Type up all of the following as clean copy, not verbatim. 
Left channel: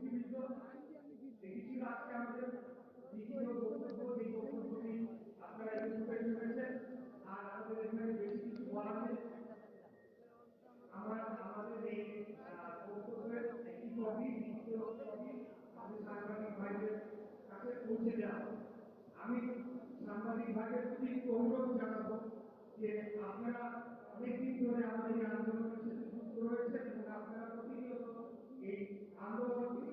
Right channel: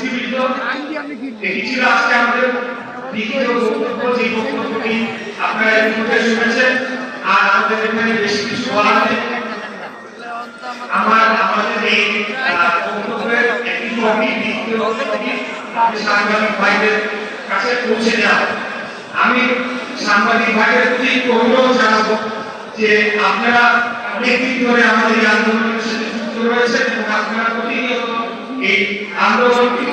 উপস্থিতিবৃন্দ, এটি ছিল আজকে আমাদের দ্বিতীয় বক্তব্য, যে বক্তব্যটি আপনারা ইতিমধ্যে শুনেছেন। আর আমাদের এখানে বেশি কিছু বলা নেই। আমাদের এই বক্তব্যের একটি কপি, দ্বিতীয় কপি সাংবাদিক ভাইদের কাছে পৌঁছে দেওয়া। আমি সাংবাদিক ভাইদের প্রতি অনুরোধ জানাবো যে আপনারা অনেকদিন ধরে আমাদের এই আন্দোলনের সাথে যুক্ত রয়েছেন এবং আপনারা প্রতিনিয়ত এই আন্দোলনটি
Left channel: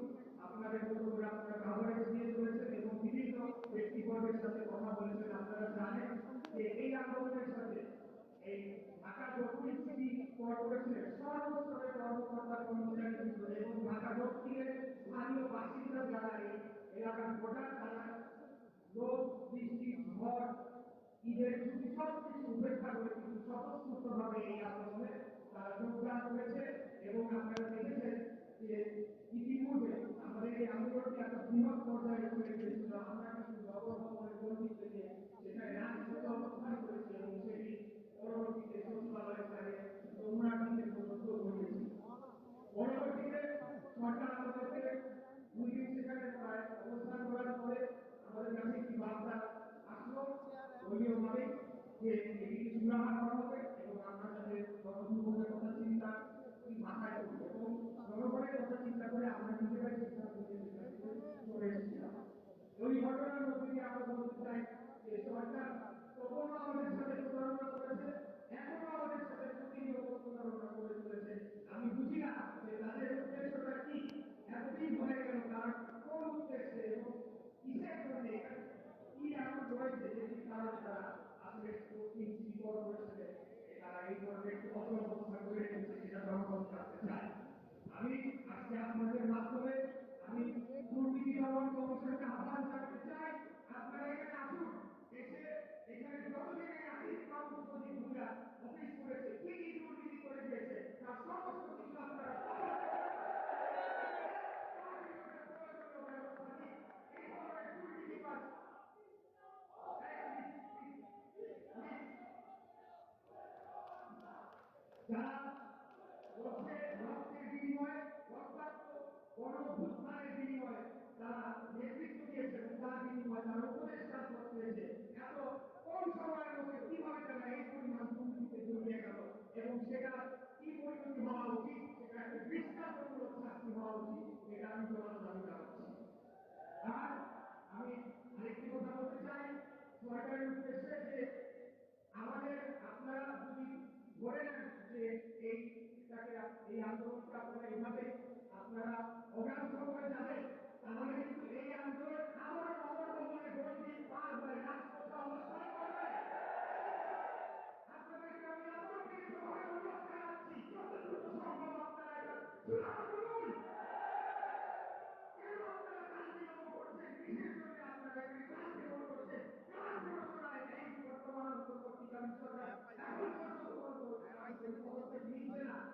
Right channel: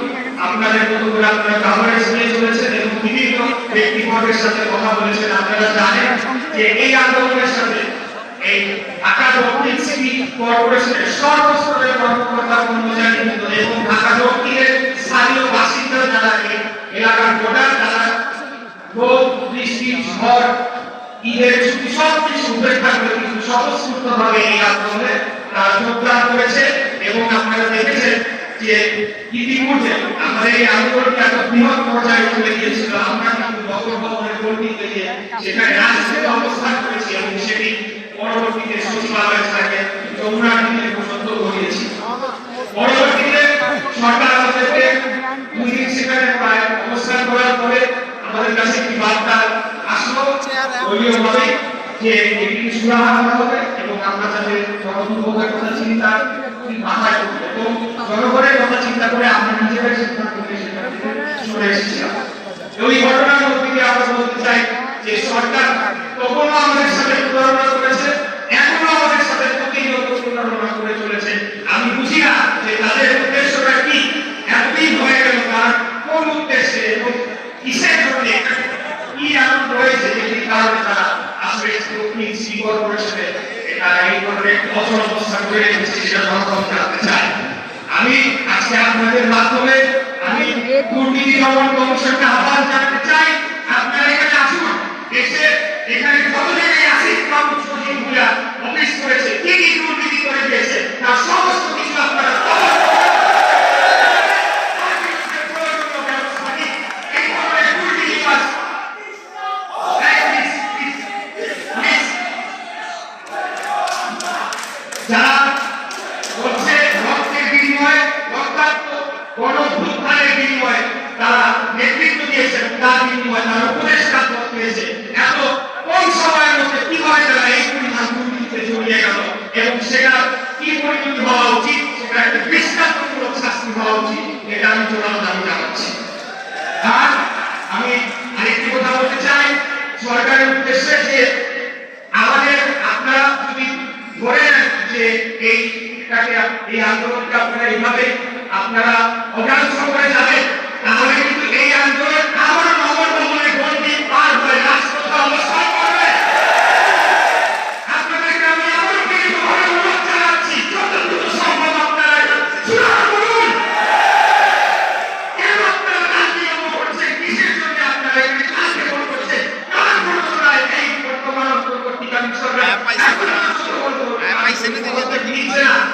আপনাদের মতো করে আপনারা কাভারেজ নিয়ে চলেছেন এবং বিভিন্ন ব্যক্তিবর্গের সাথে কথা বলেছেন। আপনারা জানেন যে এই আন্দোলনের সাথে এই ঢাকা দক্ষিণ সিটি কর্পোরেশনের সর্বস্তরের কর্মকর্তা কর্মচারী এবং ঢাকা দক্ষিণের স্থানীয় বাসিন্দা যারা এই এলাকার ভোটার, তারা রোদ বৃষ্টি ঝড় ঈদের ছুটি সবকিছু উপেক্ষা করে কিন্তু স্বতঃস্ফূর্তভাবে এই আন্দোলনে তারা যোগদান করেছে। এবং আপনারা দেখেছেন যে ইতিমধ্যে আমাদের এই আন্দোলনটা একটা বৃহৎ পর্যায়ে চলে গিয়েছিল। আমরা কিন্তু নগর ভবনের গণ্ডিতে গিয়ে সেখানে রাজনীতি অবস্থান করেছি এবং সেটি পরবর্তীতে সচিবালয় থেকে যমুনাটিতে পর্যন্ত গড়িয়েছি। পরবর্তীতে সরকার আমাদেরকে 2 দিন সেখানে প্রায় অবস্থান করার পরে আমাদের কাছে একটি বার্তা আসলো দলীয়ভাবে যে এটি সুরাহা করা হবে এবং আমরা যাদের জনদুর্ভোগের কথা চিন্তা মাথায় এবং জনগণের কথা চিন্তা করে আমরা নিজেরাই সিদ্ধান্ত নিয়ে সেখান থেকে সরে এসেছিলাম। ওই ঘটনার মধ্যে দিয়ে আমরা বলতে চাই যে সরকার তখনও আমাদের সাথে প্রতারণা করেছে, এখনো আমাদের সাথে প্রতিনিয়ত প্রতারণা করে চলেছে। আমি বুঝি না যে তাদের উদ্দেশ্যটা কি, এতদিন হয়ে গেল তার কোন উদ্দেশ্যে এবং কিসের জন্য, কি এমন রয়েছে যেটি কারণে তারা আসলে দক্ষিণ সিটি কর্পোরেশনে এটা এই ধরনের অচল অবস্থা করে রেখেছে, সেটা জনগণ জানতে চায়। আমি আজকে আপনাদের মাধ্যমে আমি দুর্নীতি দমন কমিশনকে আহ্বান জানাতে চাই, আপনারা এখানে আসুন, এসে এখানে যত জায়গায় আসিফ মাহমুদ সজীবুল্লাহ অফিস করেছে, কি কি দুর্নীতি করে দিয়েছে তার সমস্ত কিছু আপনারা যারা বলছে রক্তের বিনিময়ে, রক্তাক্ত গণভ্যুত্থানের বিনিময়ে তারা নেতৃত্ব দিয়েছে, তার বিনিময়ে তারা উপদেষ্টা পদ পেয়েছে, এত কম সময়ের মধ্যে কিভাবে তারা এই পরিমাণ দুর্নীতিতে জড়িয়ে গেল এবং সেটা কি পরিণতি হওয়া উচিত, সেটা একটা দৃষ্টান্তমূলক শাস্তি হওয়া উচিত, এটা আমি জোরালো দাবি জানাচ্ছি। আর আমি আরেকটি কথা বলতে চাই সরকারের উদ্দেশ্যে যে আমাদের আপনারা যদি ধরে নেন যে এই আন্দোলনকে আপনারা এইভাবে আপনারা অজ্ঞান সহকারে যাবেন, তাহলে কিন্তু এই আন্দোলন আবার নগর ভবনের গণ্ডি পার হয়ে রাজপথে অবস্থান করবে। আপনাদেরকে আমি আবারও বিনীতভাবে অনুরোধ জানাচ্ছি, যত দ্রুত সম্ভব আপনারা চূড়ান্ত করুন। কেন আপনারা রাজনীতি করছেন, কিসের জন্য আপনারা এখানে রাজনীতি করছেন, কার প্ররোচনায় এই বর্তমান অন্তর্বর্তীকালীন সরকার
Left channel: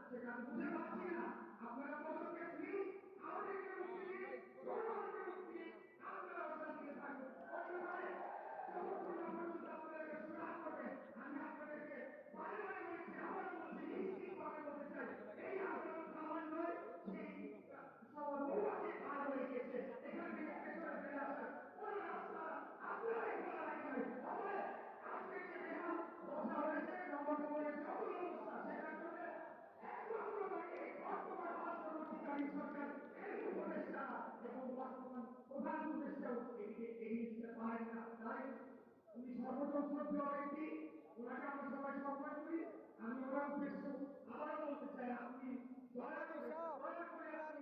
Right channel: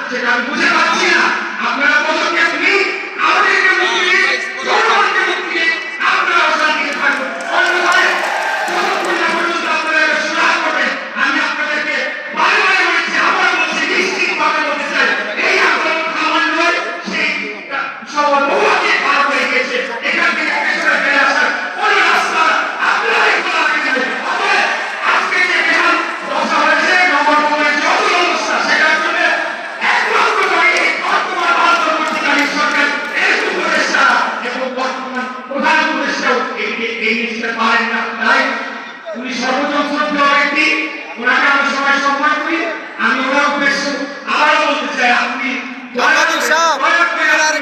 সেটা আমি বুঝে পাচ্ছি না। আপনারা পদক্ষেপ নিন, আমাদেরকে মুক্তি দিন, জনগণকে মুক্তি দিন, আপনারাও শান্তিতে থাকুন। অন্যথায় যতক্ষণ না পর্যন্ত আপনারা সুরাহা করবেন, আমি আপনাদেরকে বারে বারে বলছি, আবার বলছি, নিশ্চিতভাবে বলতে চাই, এই আন্দোলন থামার নয়, সেই সবার বহুকে পার হয়ে গেছে। এখান থেকে পেছনে ফেলে আসার কোনো রাস্তা আপনারাই খোলা রেখে দেবেন। অতএব আজকে যে বিহার দশা হয়েছে, নগর ভবনের যে অচল অবস্থা, সেটার জন্য একমাত্র দায়ী বর্তমান অন্তর্বর্তীকালীন সরকার, এর উপদেষ্টা এবং বর্তমান প্রধান উপদেষ্টাও এই জিনিসটা পারেন না। তাই উনি সর্বযন্ত্র ব্যক্তি, ওনাকে আমি সবাই সম্মান করি। আমি ওনার উদ্দেশ্য আবারও বলতে চাই, আপনি সাংবাদিক সাহেব,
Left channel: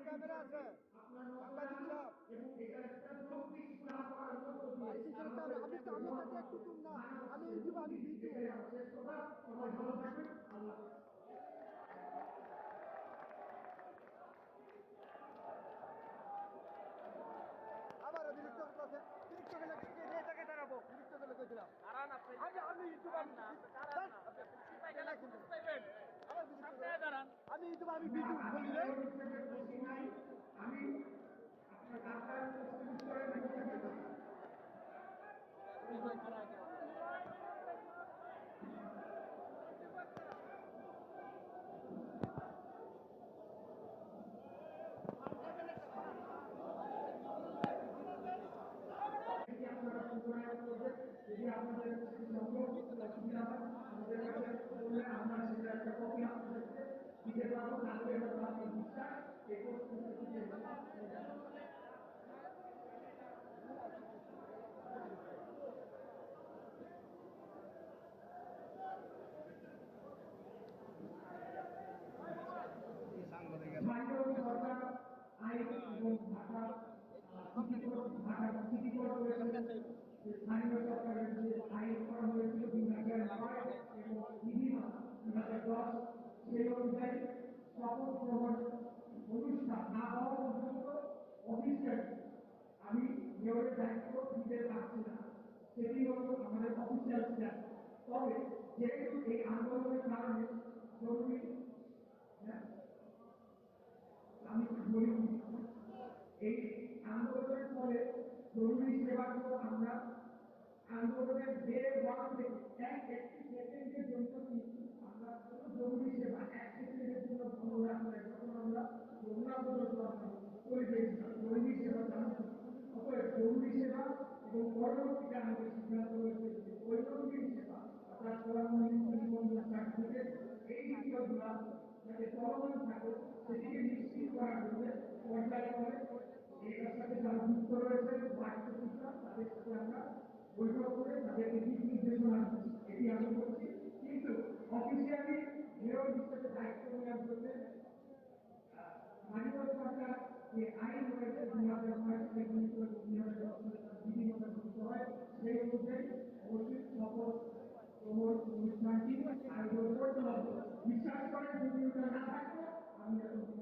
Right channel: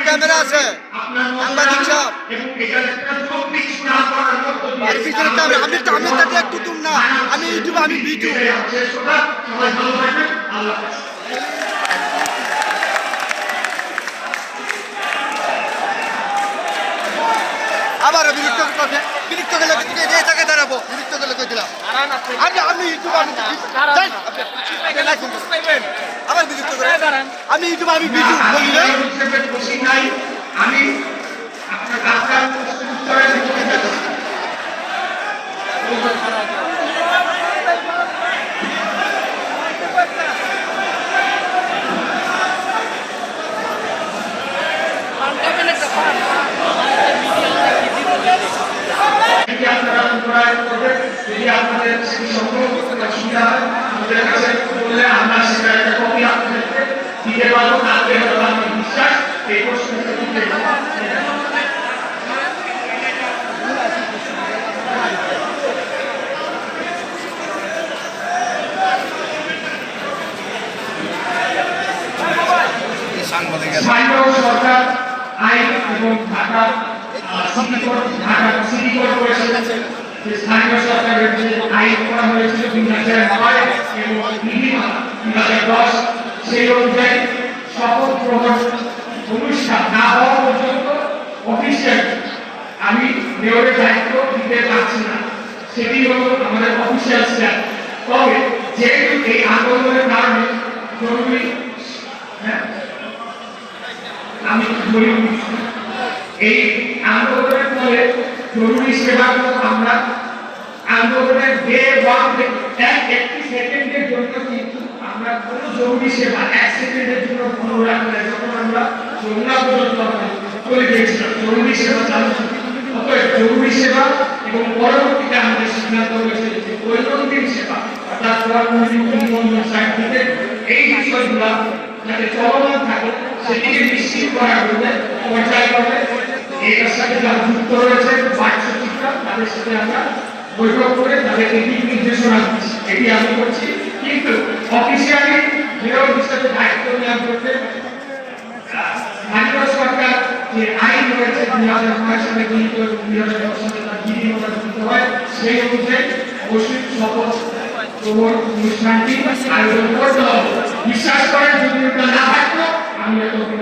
ক্যামেরা আছে, সাংবাদিক সাহেব এবং এখানে একটা যৌক্তিক সুরাহা করার মতো আর পিছনে ক্যামেরা, আমি তাকে একটু তুম না, আমি ইউটিউব, আমি ভিডিও। সবাই ভালো থাকবেন, আল্লাহ হাফেজ। আবার বিরক্ত গেলে এটাকে দাঁড়াবো, বিরক্ত গেলে কই দিলাম আমি ইউটিউব, আবার বিরক্ত করে আমি ইউটিউব, আমি ভিডিও বলি নাই। আমি আপনার ডাক্তার উত্তরে একটা স্থানীয় সরকার আইন এবং ঢাকা সিটি কর্পোরেশন যে স্থানীয় সরকারের যে আইন করা হয়েছিল 2009 এবং বিধিমালা 2010 সেই অনুযায়ী শপথ গ্রহণ অনুষ্ঠান না হওয়া পর্যন্ত অফিসিয়াল আমি মেয়রের দায়িত্ব দিতে পারছি না। সেটি হলো আমাদের অফিসিয়াল স্ট্যাপ। তবে যেহেতু এই আন্দোলনের কারণে জরুরি আমি বলি এই আন্দোলনের ফলে জরুরি সেবা আমরা আন্দোলনের ডে ওয়ান একটি সেকেন্ডের জন্য কিন্তু আমরা কোনো জরুরি সেবা এক সেকেন্ডের জন্য বন্ধ রাখি না। যখন আমরা যমুনা পর্যন্ত চলে গিয়েছিলাম জরুরি সেবা চালু ছিল। অতএব জরুরি সেবা এবং পরবর্তীতে আমাদের সিদ্ধান্ত হয়েছে যে দৈনন্দিন সেবা অর্থাৎ সার্টিফিকেট এই বিষয়গুলো যাতে চলমান থাকে সেটিকে নিশ্চিত করার জন্য পর্যায়ক্রমে এটার সাথে যারা যুক্ত রয়েছে বাচ্চা তাদের সাথে আমরা বৈঠক করে তাদেরকে দিক নির্দেশনা দিচ্ছি। এটি আমি করছি, কিন্তু অফিসিয়ালি মেয়র হিসেবে দায়িত্ব নেওয়ার জন্য স্থানীয় সরকার যে আইন রয়েছে 2009 সালে গৃহীত 2010 সালে তার বিধিমালা গৃহীত হয় সেই অনুযায়ী অবশ্যই শপথ গ্রহণ অনুষ্ঠানটি আয়োজন করতে হবে। বিশ্বাস করেন যদি এটা না থাকতো আমি এতক্ষণ